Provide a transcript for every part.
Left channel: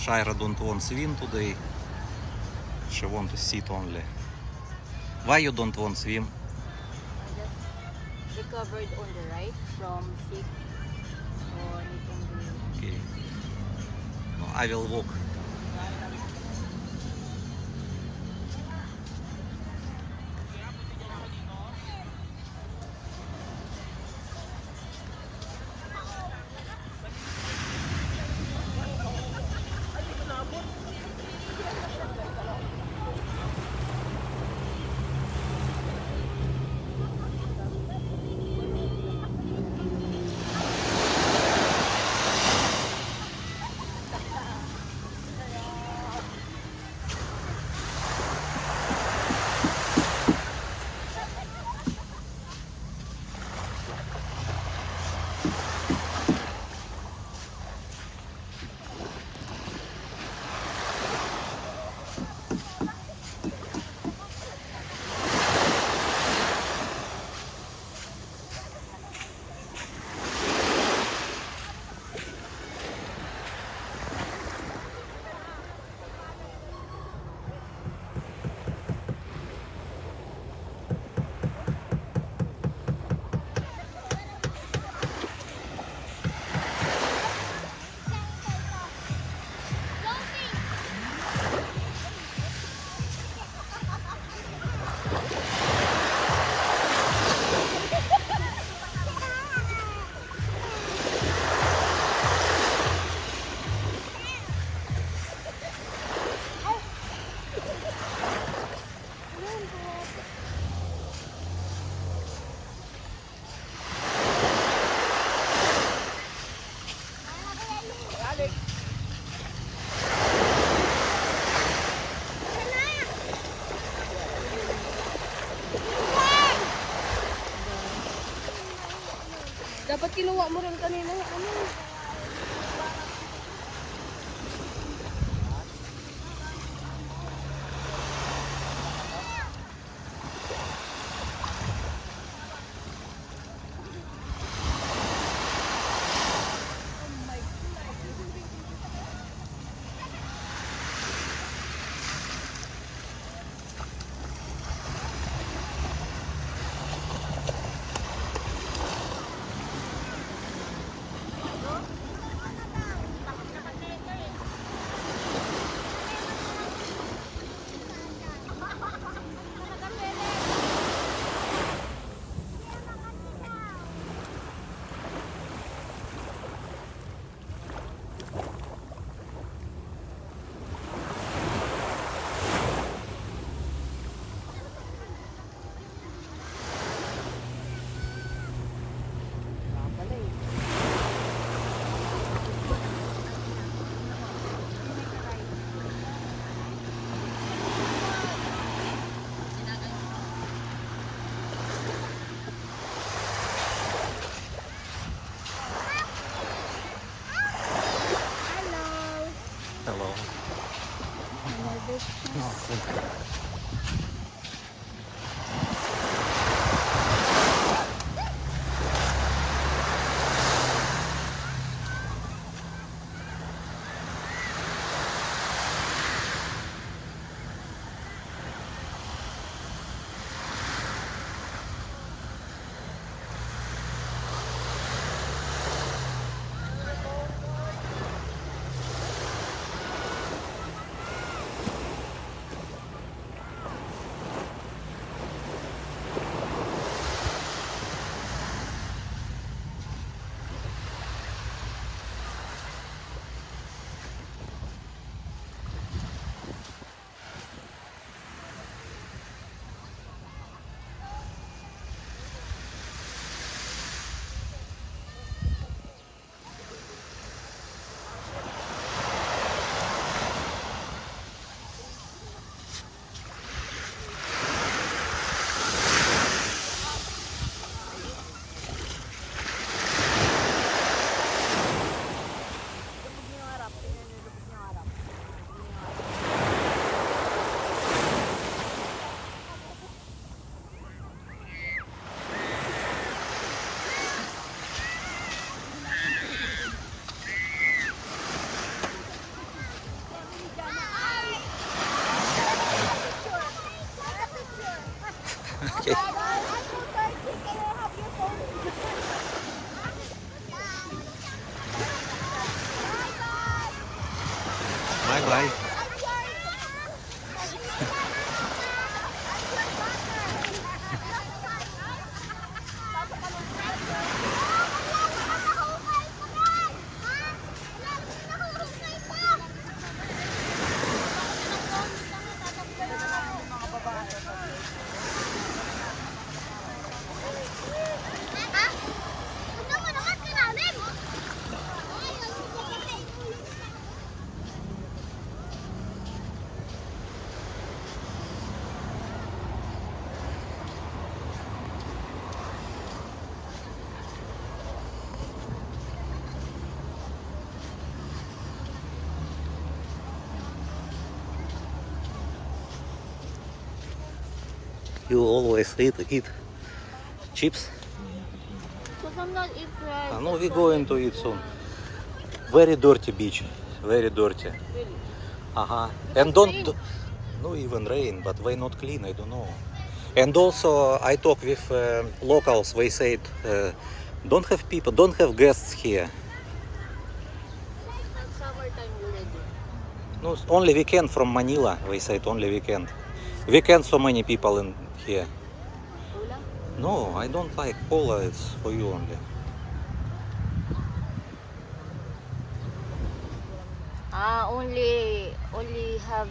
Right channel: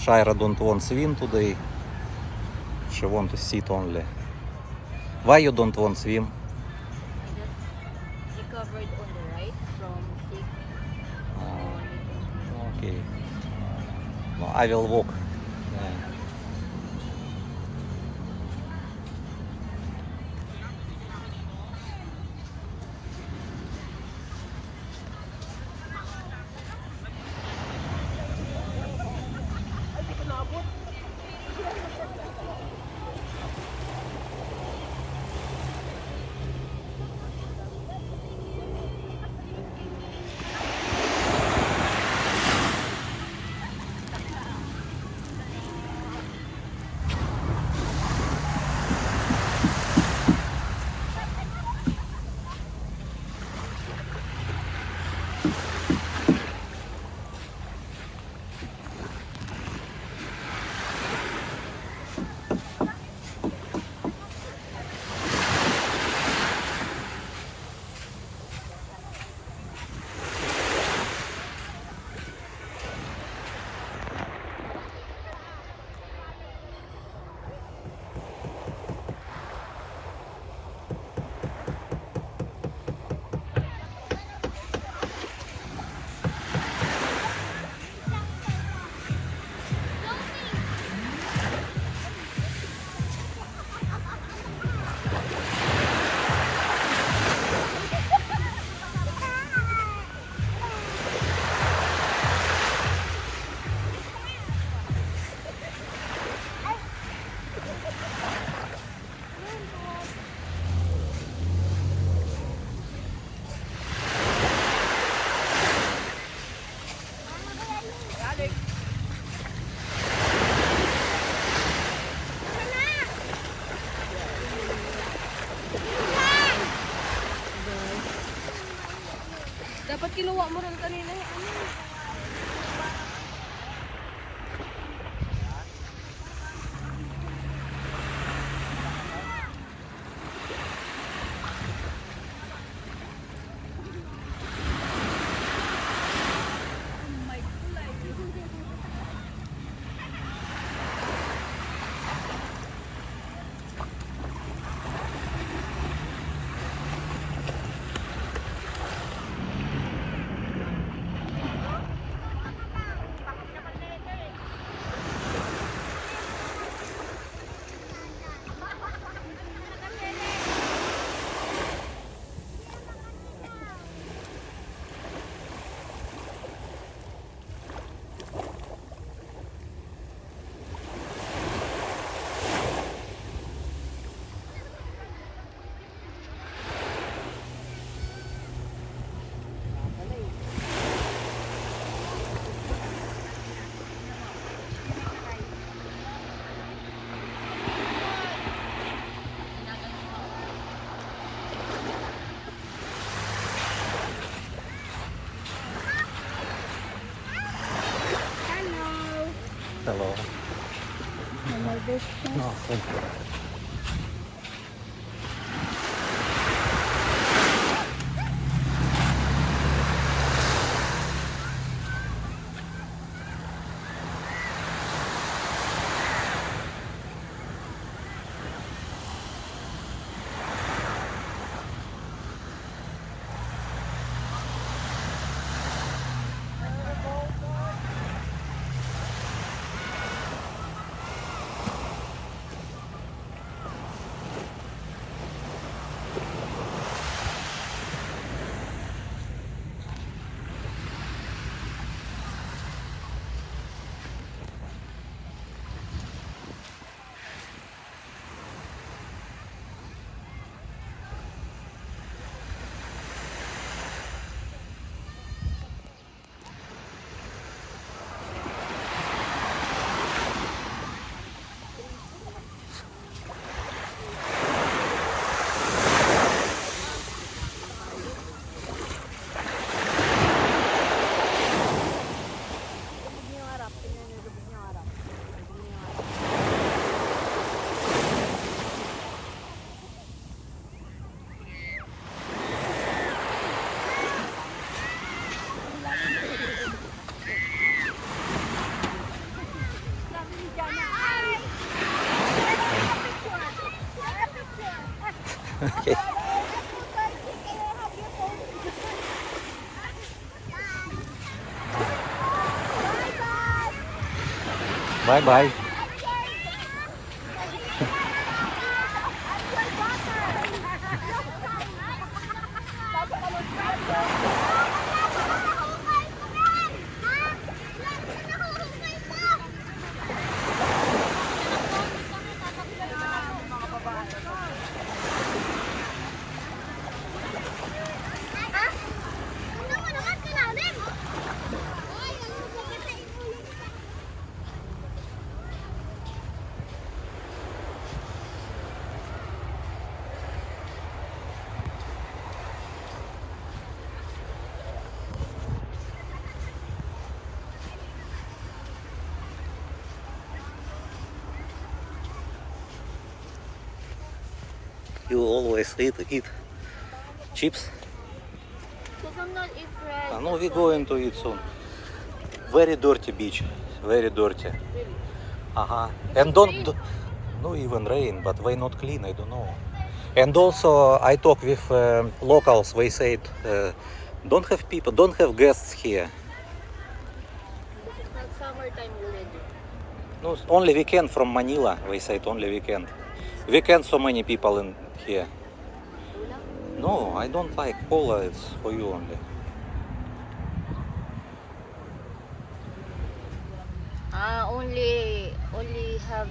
Shira don't want swim today. She want to sit only. Why you don't want swim? I just recovered on the right from sick. Okay. No, I will walk. Dapat kinuha mo rin kanina. Hello. Oh, thank you. Okay. Bye bye. You always eat chips? So sometimes it's red. No, we're going to eat soon. Very dirty beach. Very dirty. Really? And no even rain, but why not clean? I don't know. And also, I talk with locals. They said don't have people, don't have guests here. It's summertime already. No, only weekend from Manila. They said only weekend. Weekend, so many people in here. Wala? No, I don't like cola. It's for you only. Only have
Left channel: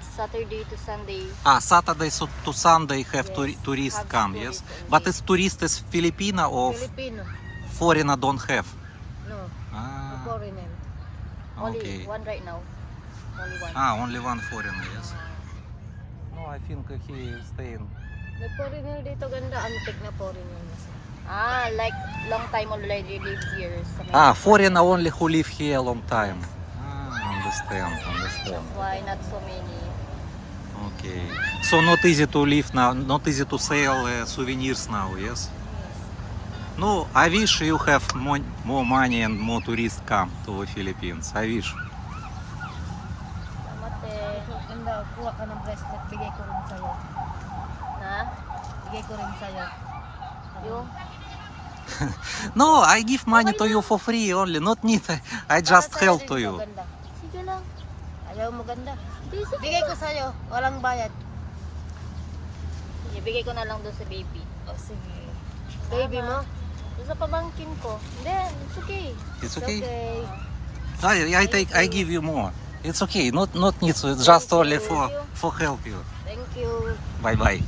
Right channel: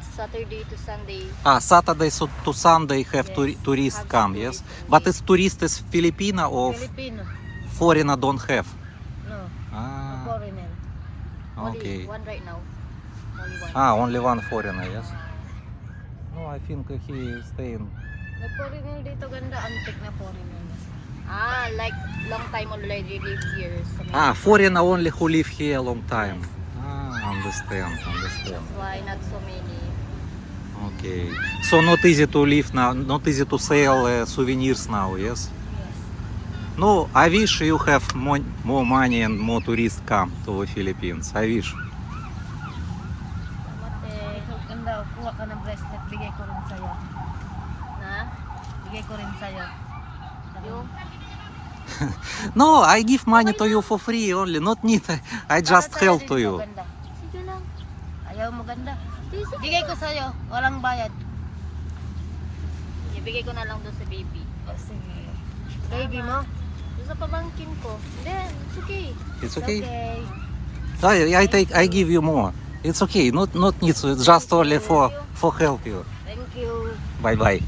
Saturday to Sunday. Saturday to Sunday have Yes, tourists have come, tourists yes? only. But is tourist is Filipino or Filipino. foreigner don't have? No. Foreigner. Okay. Only one right now. Only one. Only one foreigner, yes? No, I think he is staying. May foreigner dito ganda. Antique na foreigner na siya. Like long time already live here. Sa Manila. Foreigner only who live here a long time. Understand. Why not so many? Okay. So not easy to live now, not easy to sell souvenirs now, yes? Yes. No, I wish you have more money and more tourists come to the Philippines. I wish. Mate. Ito, ganda. Kuha ka ng bracelet. Bigay ko rin sa'yo. Ha? Bigay ko rin sa'yo. Yun. No, I give money to you for free only, not need. I just Para help sa'yo to rin you. ganda. Sige lang. Ayaw mo ganda. Bigay ko sa'yo. Walang bayad. Ibigay ko na lang doon sa baby. Sige. Baby mo? Sa pamangkin ko. Then, it's okay. It's okay? Okay. I give you more. It's okay, not needs, just only for help you. Thank you. Bye bye.